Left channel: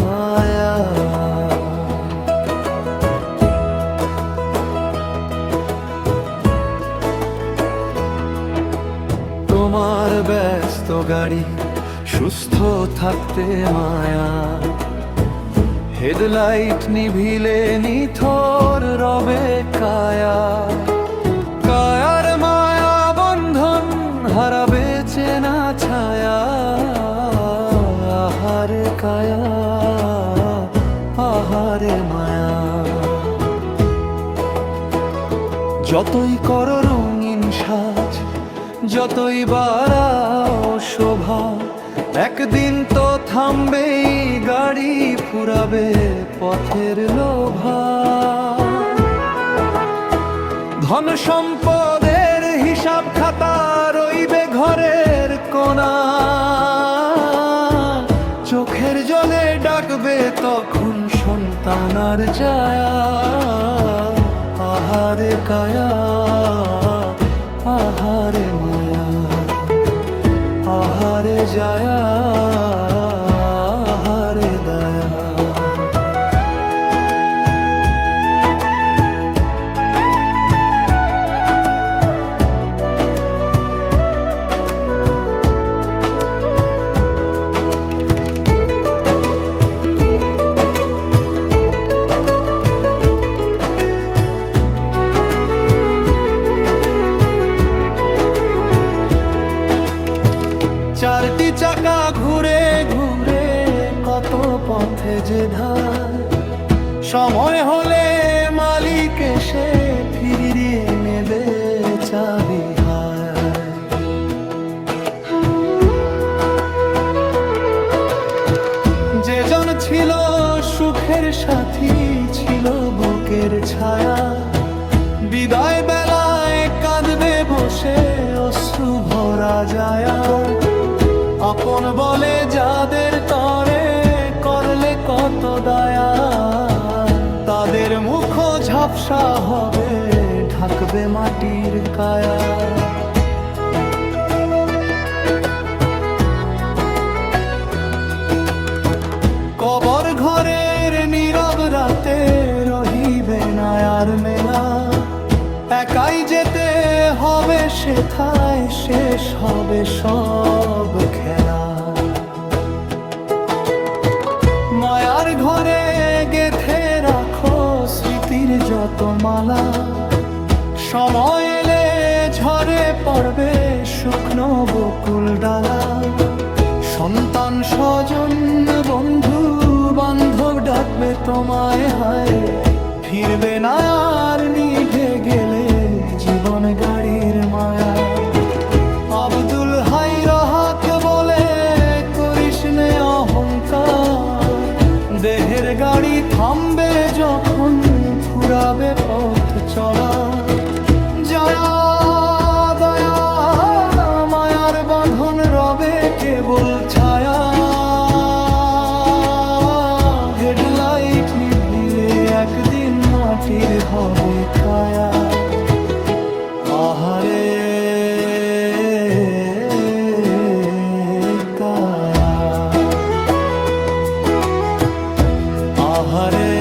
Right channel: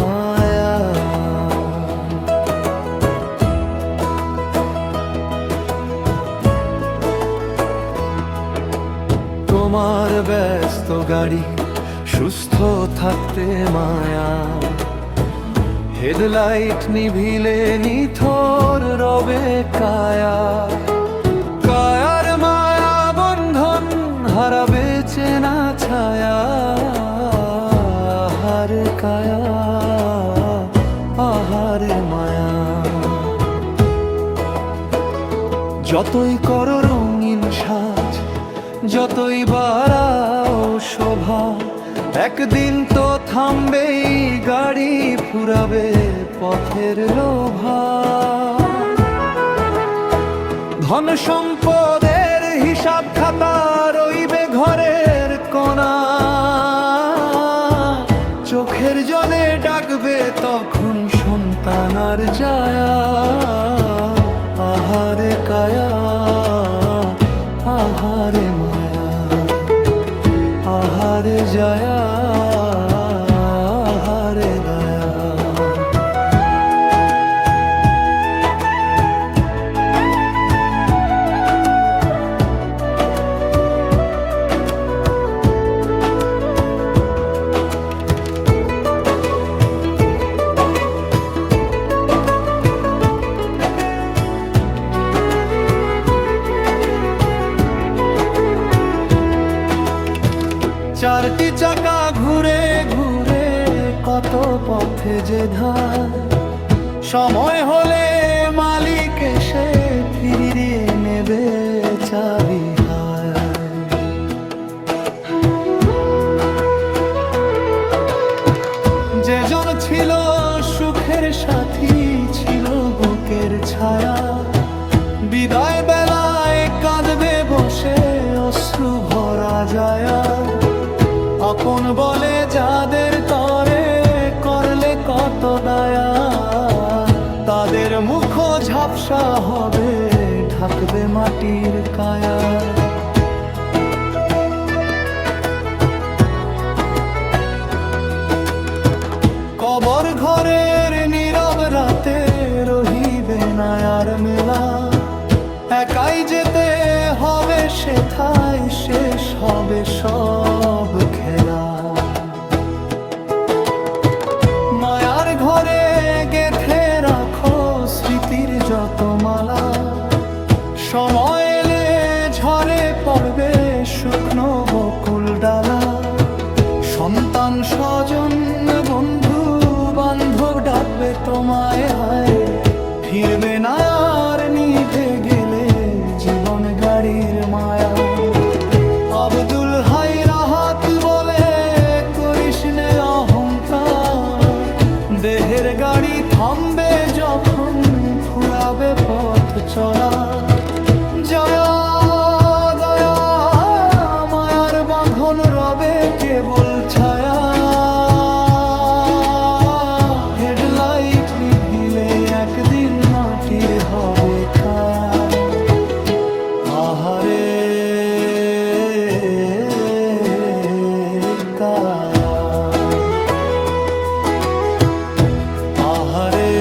মায়া। তোমার ব্যস্ত গাড়ি সুস্থ থাকতে মায়া, হেডলাইট নিভিলে নিথর রবে কায়া। কায়ার মায়া বন্ধন হারাবে চেনা ছায়া। আহারে কায়া, আহারে মায়া। যতই করো রঙিন সাজ, যতই বাড়াও শোভা, একদিন তো থামবেই গাড়ি, ফুরাবে পথের লোভা। ধন সম্পদের হিসাব খাতা রইবে ঘরের কোণা, চোখের জলে ডাকবে তখন সন্তান আর জায়া। আহারে কায়া, আহারে মায়া। আহারে জায়া, আহারে দয়া। 4টি চাকা ঘুরে ঘুরে কত পথে যে ধার, সময় হলে মালিক এসে ফিরিয়ে নেবে চাবি হায়। যেজন ছিল সুখের সাথী, ছিল বুকের ছায়া, বিদায় বেলায় কাঁদবে বসে অশ্রু ভরা যায়া। আপন বলে যাদের তরে করলে কত দয়া, তাদের মুখ ঝাপসা হবে ঢাকবে মাটির কায়া। কবর ঘরের নীরব রাতে রহিবে না আর মেলা, একাই যেতে হবে সেথায়, শেষ হবে সব খেলা। মায়ার ঘরে গেথে রাখো স্মৃতির যত মালা, সময় এলে ঝরে পড়বে শুকনো বকুল ডালা। সন্তান স্বজন বন্ধু বান্ধব ডাকবে তোমায় হায়, ফিরবে না আর নিভে গেলে জীবন গাড়ির মায়া। আব্দুল হাই রাহাত বলে করিস নে অহংকার, দেহের গাড়ি থামবে যখন ফুরাবে পথ চলা। জয়া দয়া মায়ার বাঁধন রবে কেবল ছায়া, হেডলাইট নিভিলে একদিন মাটির হবে কায়া। আহারে কায়া, আহারে